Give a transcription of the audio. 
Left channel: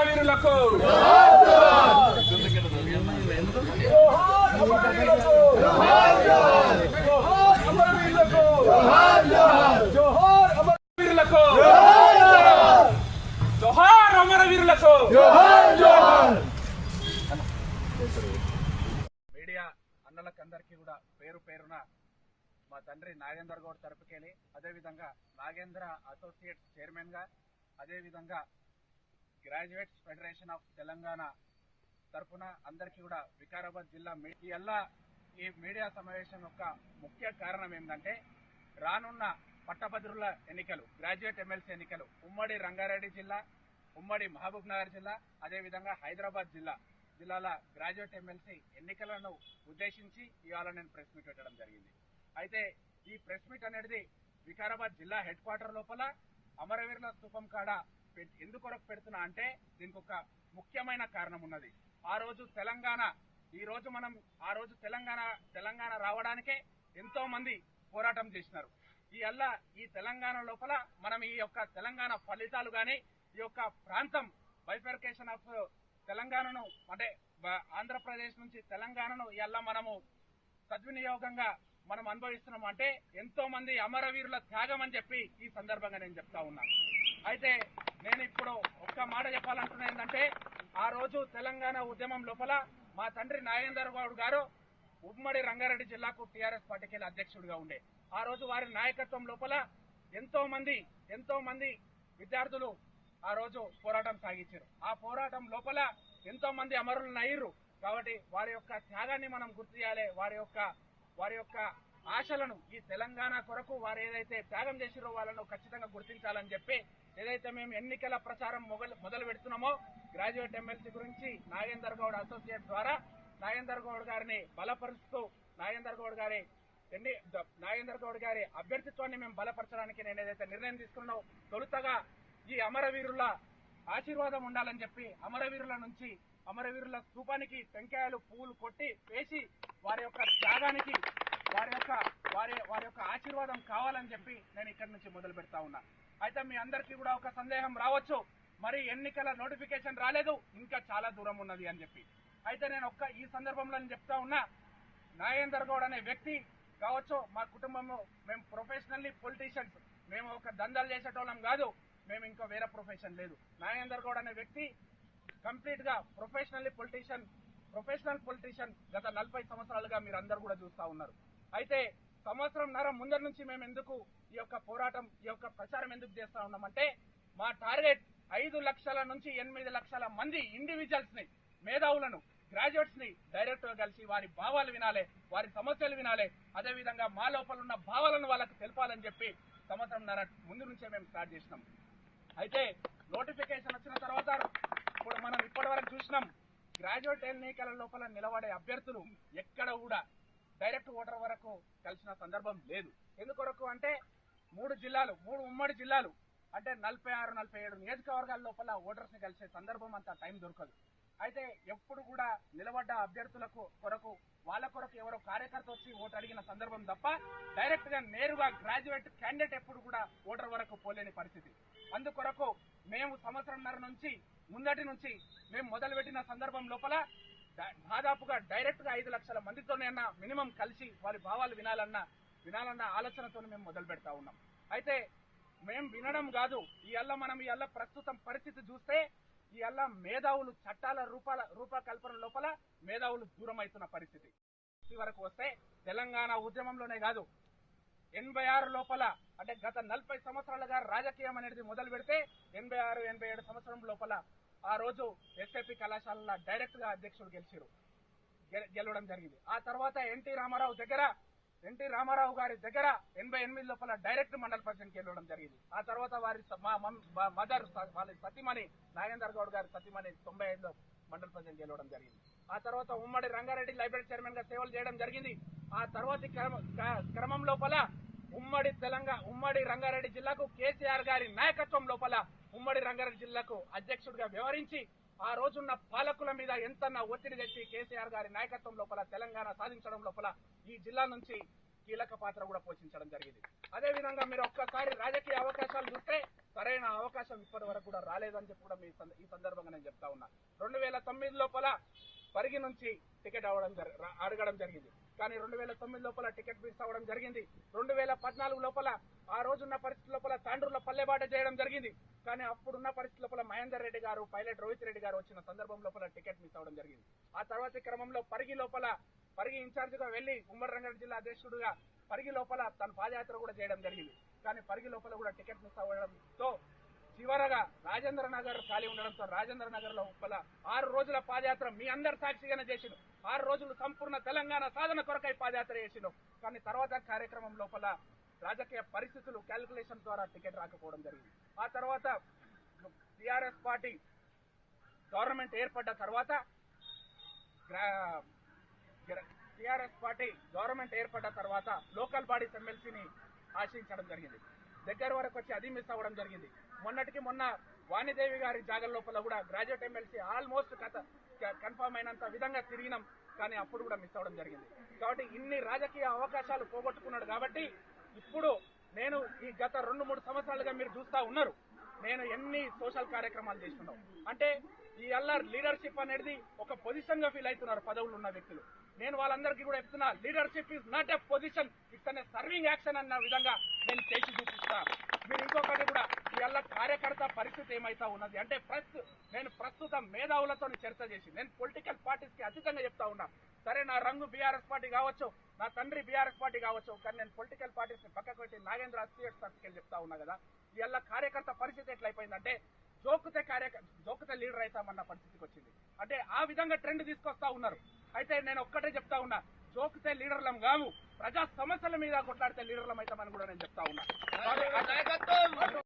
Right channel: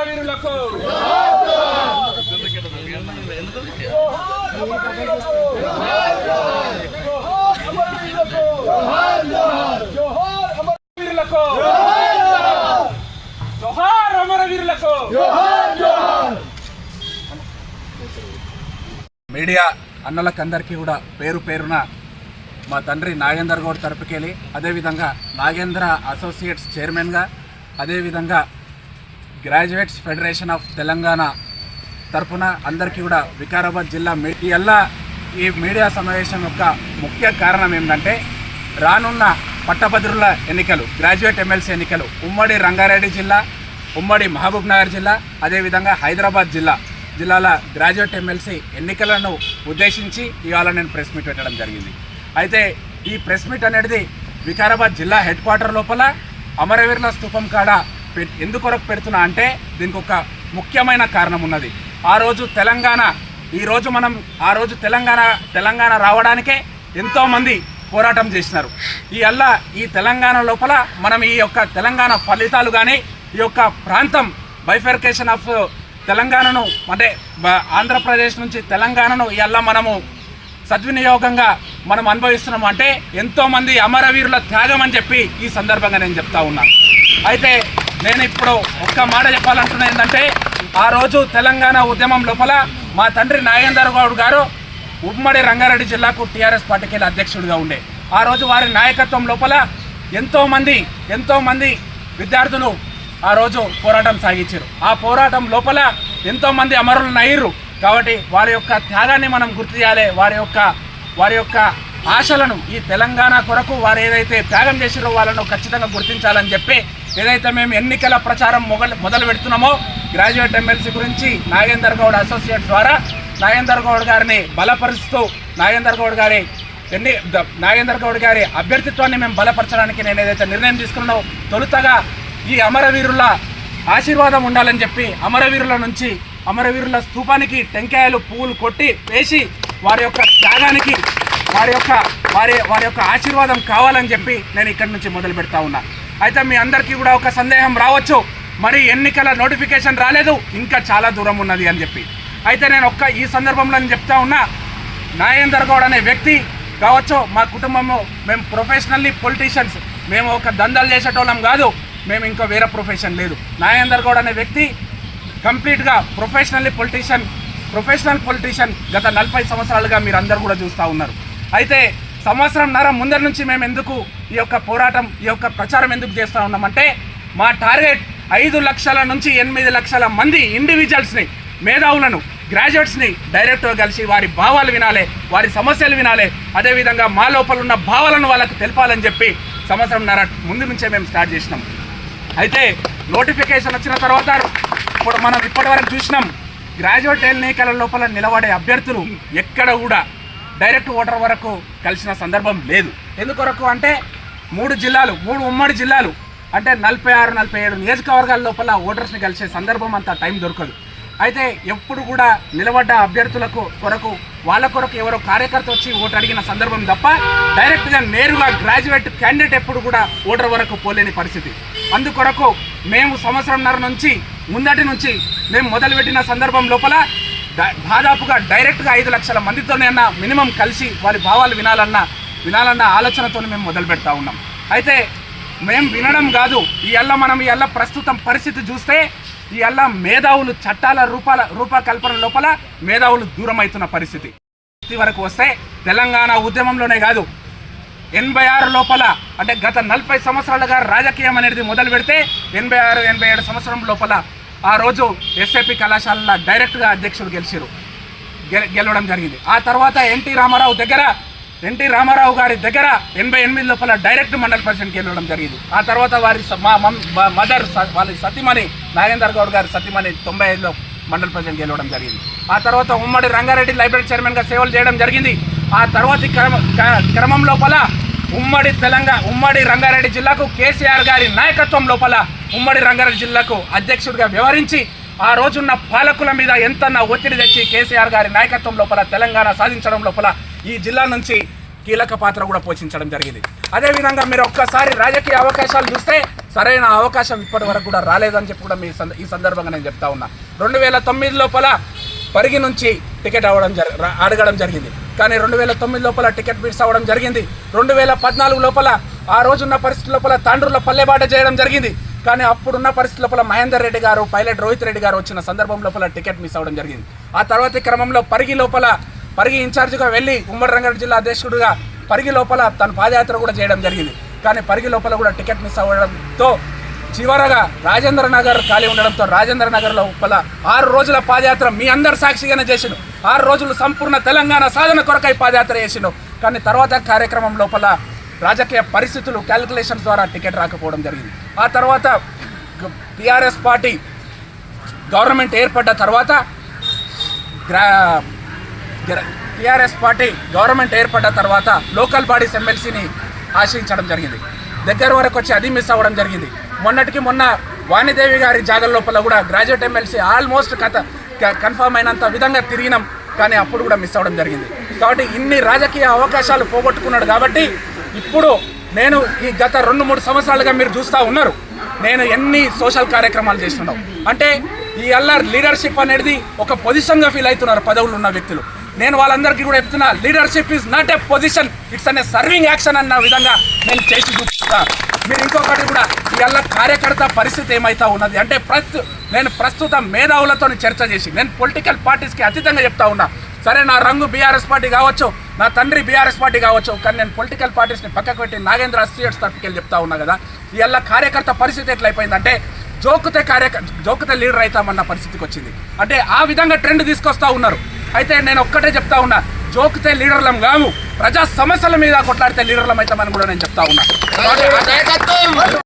వీరులకు వీరులకు జోహార్ అమర మీడియా అన్నలకందరికీ కూడా పేరు పేరున మా తండ్రి నాగేందర్ గౌడ్ తరపుకెళ్ళి అదేవిధంగా నాగేంద్ర అసోసియేట్స్ చైర్మన్గా అదేవిధంగా గ్రాడ్యుయేట్స్ ఫెడరేషన్ ఆఫ్ తెలంగాణ తరపున అందరికీ కూడా వికారాబాద్ జిల్లా మీడియా ఈ మీడియా సమావేశం యొక్క ముఖ్య కారణం ఏంటంటే రానున్న పట్టభద్రుల ఎన్నికలు గ్రాడ్యుయేట్ ఎమ్మెల్సీ ఎన్నికలు ఉమ్మడి రంగారెడ్డి జిల్లా ఉమ్మడి మహబూబ్ నగర్ జిల్లా అదేవిధంగా హైదరాబాద్ జిల్లా జిల్లాల గ్రాడ్యుయేట్ ఎమ్మెల్సీ ఎన్నికలను ఉద్దేశించి ఇవాళ నేను ప్రెస్ మీట్ పెట్టడం జరిగింది. అయితే ఈ ప్రెస్ మీట్ అనేది వికారాబాద్ జిల్లా హెడ్ క్వార్టర్ లోపల అమరవీరుల స్థూపం కాడ ఎందుకొరకు పెడుతున్నా అంటే దీనికి ఒక ముఖ్యమైన కారణం ఉన్నది. ఆ రోజు తెలంగాణ ఈ రోజు మనం ఆ రోజు తెలంగాణ తెలంగాణ రావడానికే ఎంతోమంది పోరాటం చేసినారు. ఈ అల్ల ఈ తెలంగాణ లోపల మనం ఈ యొక్క తెలంగాణ ఫలితాలు కానీ ఈ యొక్క ప్రాంతం బైఫర్కేషన్ ఆఫ్ తెలంగాణను అంటే ఆంధ్రప్రదేశ్ నుంచి తెలంగాణను ఇవల్ల మనము సద్వినియోగంగా మనం అనుభవిస్తున్నాం అంటే ఎంతోమంది అమరవీరుల త్యాగం అని చెప్పి ఈ సందర్భంగా నేను చెప్తా ఉన్నా. అయితే నేను ఇప్పుడు ఒక్క మాట చెప్పాలంటున్నా ఏంటంటే ఆ రోజు తెలంగాణ ఉద్యమం లోపల మా తండ్రి నాగేందర్ గౌడ్ గారు ఉమ్మడి రంగారెడ్డి జిల్లాకు టీఆర్ఎస్ పార్టీకి వెళ్ళి అధ్యక్షుడిగా ఉండే. ఆ రోజు వారి నాయకత్వం లోపల ఎంతోమంది ఎంతోమంది విద్యార్థులు ఆ రోజు పోరాటం సాగించారు. ఆ పోరాటం లోపల ఎంతోమంది అమరులను అయ్యారు కాబట్టి వారి యొక్క త్యాగాన్ని మనం గుర్తు చేయాలి. వారి యొక్క వారి యొక్క ఆశలను ఈ తెలంగాణ కొరకు వారు ఏదైతే త్యాగం చేసిరో వాళ్ళను ఖచ్చితంగా గుర్తించాలని చెప్పి ఏదైతే మేము ఎన్నికల ప్రచారం మొగలు మొదలు పెడుతున్నామో గ్రాడ్యుయేట్ ఎమ్మెల్సీ గురించి నాగేందర్ గౌడ్ అసోసియేట్ ద్వారా నాగేందర్ గౌడ్ గారిని బలపరుస్తూ నాగేందర్ గౌడ్ గారి ఎన్ని నాగేందర్ గౌడ్ గారి అభ్యర్థిత్వాన్ని మేము బలపరచడానికి నేను ఏదైతే నిర్ణయం తీసుకున్నానో తొలుతగా ఈ అమరవీరుల ఆశీర్వాదం ఉండాలని చెప్పి అమరవీరుల నుంచి అమరవీరుల స్థూపానికి టెంకాయలు పువ్వులు కొట్టి వేసి వారి యొక్క త్యాగానికి వారి యొక్క వారి వారి యొక్క ఆశీర్వాదం కావాలని చెప్పి నేను ఇక్కడి నుంచి మొదలు పెడతా ఉన్నా. అయితే మీ అందరికీ కూడా ఒక సందేహం రావచ్చు. మరి ఎన్నికల నోటిఫికేషన్ రాలేదు. ఇంకా చాలా దూరం ఉన్నది అని చెప్పి. అయితే నేను ఒక్క ఈ సందర్భంలో నేను చెప్తా ఉన్నా. నాగేందర్ గౌడ్ అనే వ్యక్తి కావచ్చు మా కుటుంబము మేము ప్రొఫెషనల్లీ పొలిటీషియన్స్ మేము ఒక దందాలు చేసేటోళ్ళం కాదు. మేము ఇంకా వేరే ప్రొఫెషన్ లేదు. నాగేందర్ గౌడ్ అనే వ్యక్తి కంప్లీట్గా ప్రొఫెషనల్లీ పొలిటీషియన్ ప్రొఫెషనల్ పొలిటీషియన్ గత నలభై సంవత్సరాలుగా మీరు అందరు కూడా చూస్తూ ఉన్నారు. అయితే సంవత్సరంన్నర ముందర నుంచి మేము ఎందుకు ఈ యొక్క పోరాటం ఈ యొక్క ప్రచారం ఎందుకు చేస్తూ ఉన్నామంటే మా టార్గెట్ ఐదు లక్షల నుంచి ఎనిమిది లక్షల మంది ఇండివిజువల్స్ని మేధావులను గ్రాడ్యుయేట్స్ని డైరెక్ట్గా కలిసి వారి భావాలు వినాలి వారి సమస్యలు వినాలి అదేవిధంగా మా లోపల ఉన్న భావాలను వాళ్ళకు తెలపాలని చెప్పి సంవత్సరంన్నర ముందు నుంచే మేము స్టార్ట్ చేసినాం. అయితే నోటిఫికేషన్ వచ్చిన తర్వాత ఇప్పుడు మనం ఇప్పటివరకు చూసినాం గ్రాడ్యుయేట్ ఎన్నికల లోపల నిలబడే అభ్యర్థులు ఎక్కడ కూడా డైరెక్ట్ ఓటర్ వరకు కలిసిన సందర్భం లేదు. ఎందుకొరకు అంటే మూడు జిల్లాలు మూడు ఉమ్మడి జిల్లాలు. అంటే నలభై ఆరు నలభై ఏడు నియోజకవర్గాల లోపల ఓటర్స్ని కలిసే సందర్భం అంత టైం దొరకదు. అయితే ఎప్పుడు కూడా నిలబడ్డ అభ్యర్థులకు కొరకు వాళ్ళ కొరకు ఎవరో కార్యకర్త వచ్చి ఓటు అడిగిన సందర్భం తప్ప డైరెక్ట్గా నేరుగా గ్రాడ్యుయేట్ క్యాండిడేట్ ఎప్పుడు కూడా ఓటర్ వరకు పోలేని పరిస్థితి. అందుకొరకు మేము సంవత్సరంన్నర నుంచి ముందటి నుంచి మేము మొదలుపెట్టిన సందర్భం లోపల దాదాపుగా డైరెక్ట్గా ఐదు లక్షల మందితోనే అన్న మినిమం కలిసి వారి భావాలు వినాలన్న వినాలన్న ఆలోచనతో మేము మొదలు పెడతా ఉన్నాం. అయితే మేము వినడం కాదు ఈ అల్ల మనం ఈ అల్ల ప్రస్తుతం పరిస్థితి చూస్తే ఈ అల్ల మేధావులు చట్టాల రూపాల రూపకల్పన లోపల మేధావులు దూరం అవుతున్న పరిస్థితి. ఇది వరకు వస్తే తెలంగాణ ఉద్యమంలోనే కాదు ఎనభై ఆరు లోపల అంటే గత నలభై సంవత్సరాలుగా రాజకీయం అనేది మొదలు పెడితే ఎనభై ఆరు ఎనభై ఏడు సంవత్సరం లోపల ఆ రోజు ఎస్ఏపి కళాశాలలో డైరెక్ట్గా అధ్యక్షుడు గెలిచారు గె- గెలవడం జరిగింది. ఆ తర్వాత ఎన్టీ రామారావు దగ్గర ఎన్టీ రామారావు గారి దగ్గర ఎనభై ఎనిమిది లోపల డైరెక్ట్ మండల పరిషత్కి వెళ్ళడం జరిగింది. ఆ తర్వాత వారి స- మా మదర్ స- వాళ్ళ సతీమణి నాగేందర్ గౌడ్ గారి సతీమణి తొంభై ఐదులో మండల పరిషత్కి వెళ్ళడం జరిగింది. ఆ తర్వాత ఉమ్మడి రంగారెడ్డి లైబ్రరీ చైర్మన్గా సేవలు చేయడం జరిగింది. ఆ తర్వాత క్రమ క్రమం లోపల ఉమ్మడి తెలంగాణ ఉమ్మడి రంగారెడ్డి జిల్లాకు కేసీఆర్ గారి నాయకత్వం లోపల ఉమ్మడి రంగారెడ్డి జిల్లాకు అధ్యక్షుడిగా వ్యవహరించి ఆ రోజున్న పాలకుల మీద ఎంత ఒత్తిడి తెచ్చి కేసీఆర్ గారి నాయకత్వం లోపల తెలంగాణ సాధించడం లోపల ఈ జిల్లా నుంచి కీలక పాత్ర కూడా పోషించడం జరిగింది. అదేవిధంగా మీరు ఒక్కసారి రాజకీయ అవకాశాలు చూస్తే సరైన అవకాశం ఇప్పటి వరకు కూడా రాలేదని చెప్పి కూడా మీ సంద- ఈ సందర్భంగా నేను చెప్తా ఉన్నా. రెండు వేల తొమ్మిది లోపల పరిగి నుంచి టికెట్ అవ్వడం జరి అడగడం జరిగింది. కానీ రెండు వేల తొమ్మిది లోపల టికెట్ మిస్ అవ్వడం జరిగింది. రెండు వేల పద్నాలుగు లోపల ఆ రోజున్న పరిస్థితి లోపల తాండ్రుల పల్లెబాట చేయడం జరిగింది. కానీ అప్పుడున్న పరిస్థితి లోపల మహేందర్ రెడ్డి గారు పైలట్ రోహిత్ రెడ్డి గారు వచ్చిన సందర్భం లోపల టికెట్ మిస్ అవ్వడం జరిగింది. ఆ తర్వాతి క్రమంలో పరిగి లోపల పరిగి ఇన్ఛార్జిగా వెళ్ళి ఉమ్మడి రంగారెడ్డి జిల్లా అధ్యక్షుడిగా పరిగి లోపల తన పాదయాత్ర కూడా చేయడం జరిగింది. కానీ పరిగి లోపల కూడా టికెట్ మిస్ అవ్వడంతో చివరగా రాజేంద్ర నగర్ ఖాళీ ఉండడంతో రాజేంద్ర నగర్ లోపల ఆరు రోజుల పాదయాత్ర మీ అందరు సాక్షిగానే చేసిండు. ఆరు రోజులు సంపూర్ణ తెలంగాణ సాధన కొరకై పాదయాత్ర చేసిండు. కానీ తర్వాత కార్యక్రమం లోపల రాజకీయ పరిస్థితులు క్యాలిక్యులేషన్స్ ద్వారా టికెట్ రాకపోవడం జరిగింది. ఆ తర్వాత టీఆర్ఎస్ పార్టీ గవర్నమెంట్ ఏర్పడ్డ తర్వాత గ్రా టీఆర్ఎస్ పార్టీ గవర్నమెంట్ ఏర్పడ్డ తర్వాత లోకల్ బాడీస్ ఎమ్మెల్సీని ఆశ్రయించడం జరిగింది. దగ్గర వరకు వచ్చి అది మిస్ అవ్వడం జరిగింది. మొన్నటికి మొన్న వాణిదేవి గారి జాగల లోపల కూడా గ్రాడ్యుయేట్ ఎమ్మెల్సీ ఆల్మోస్ట్ కథ కన్ఫర్మ్ అయినంత విధంగా తిరిగినాం. కానీ అప్పుడు కూడా మిస్ అవ్వడం జరిగింది. కాబట్టి ఇన్ని రాజకీయ అవకాశాలు పోగొట్టుకున్నాడు కాబట్టి ఇప్పుడు నేను ఈ గత రెండు మూడు సంవత్సరాలుగా మీరు చూస్తూ ఉన్నారు. నేను ఎన్ని సోషల్ కార్యక్రమాలు చేస్తున్నాం అంటే ఈ అల్లర్ లీడర్షిప్ అనేది ఒక పొజిషన్గా ఫీల్ అవుతున్నారు పదవులు ఉన్న వ్యక్తులు. నేను వాళ్ళందరికీ కూడా చెప్తున్నా leadership is not a position it's అనే సర్వింగ్ యాక్షన్ అన్న విధంగా నేను చేసి చూపిస్తా. మీరు ఇంకొకటి కూడా ఇవాళ కార్యకర్త పరిస్థితి ఏమైతా ఉన్నది? అంటే ప్రస్తు నేను ప్రస్తుతం మేధావులతో చర్చ చేసి నేను పొలిటికల్ పార్టీస్కి అతీతంగా చెప్తా ఉన్నా. సరే నా రంగు బీఆర్ఎస్ పార్టీ కావచ్చు నా తండ్రి బీఆర్ఎస్ పార్టీ కావచ్చు కానీ నేను పొలిటికల్ పార్టీస్ని పక్కకు పెట్టి నాగేంద్ర అసోసియేట్స్ తరపుకి చెప్తా ఉన్నా కదా ఇవాళ కార్యకర్త పరిస్థితి ఎట్లయిపోయిందంటే జోకుతే కార్యక జోకుతే లీడర్ అవుతామన్న పరిస్థితికి వచ్చింది. అంటే ఆ విధంగా ట్రెండ్ తీసుకొస్తా ఉన్నారు. అయితే నేను ఒక్కటే చెప్తా ఉన్నా జోకితే లీడర్లం కాము ప్రజా సమస్యల మీద కొట్లాడితే లీడర్లం అయితే మనం కూడా నేను చెప్తా ఉన్నా.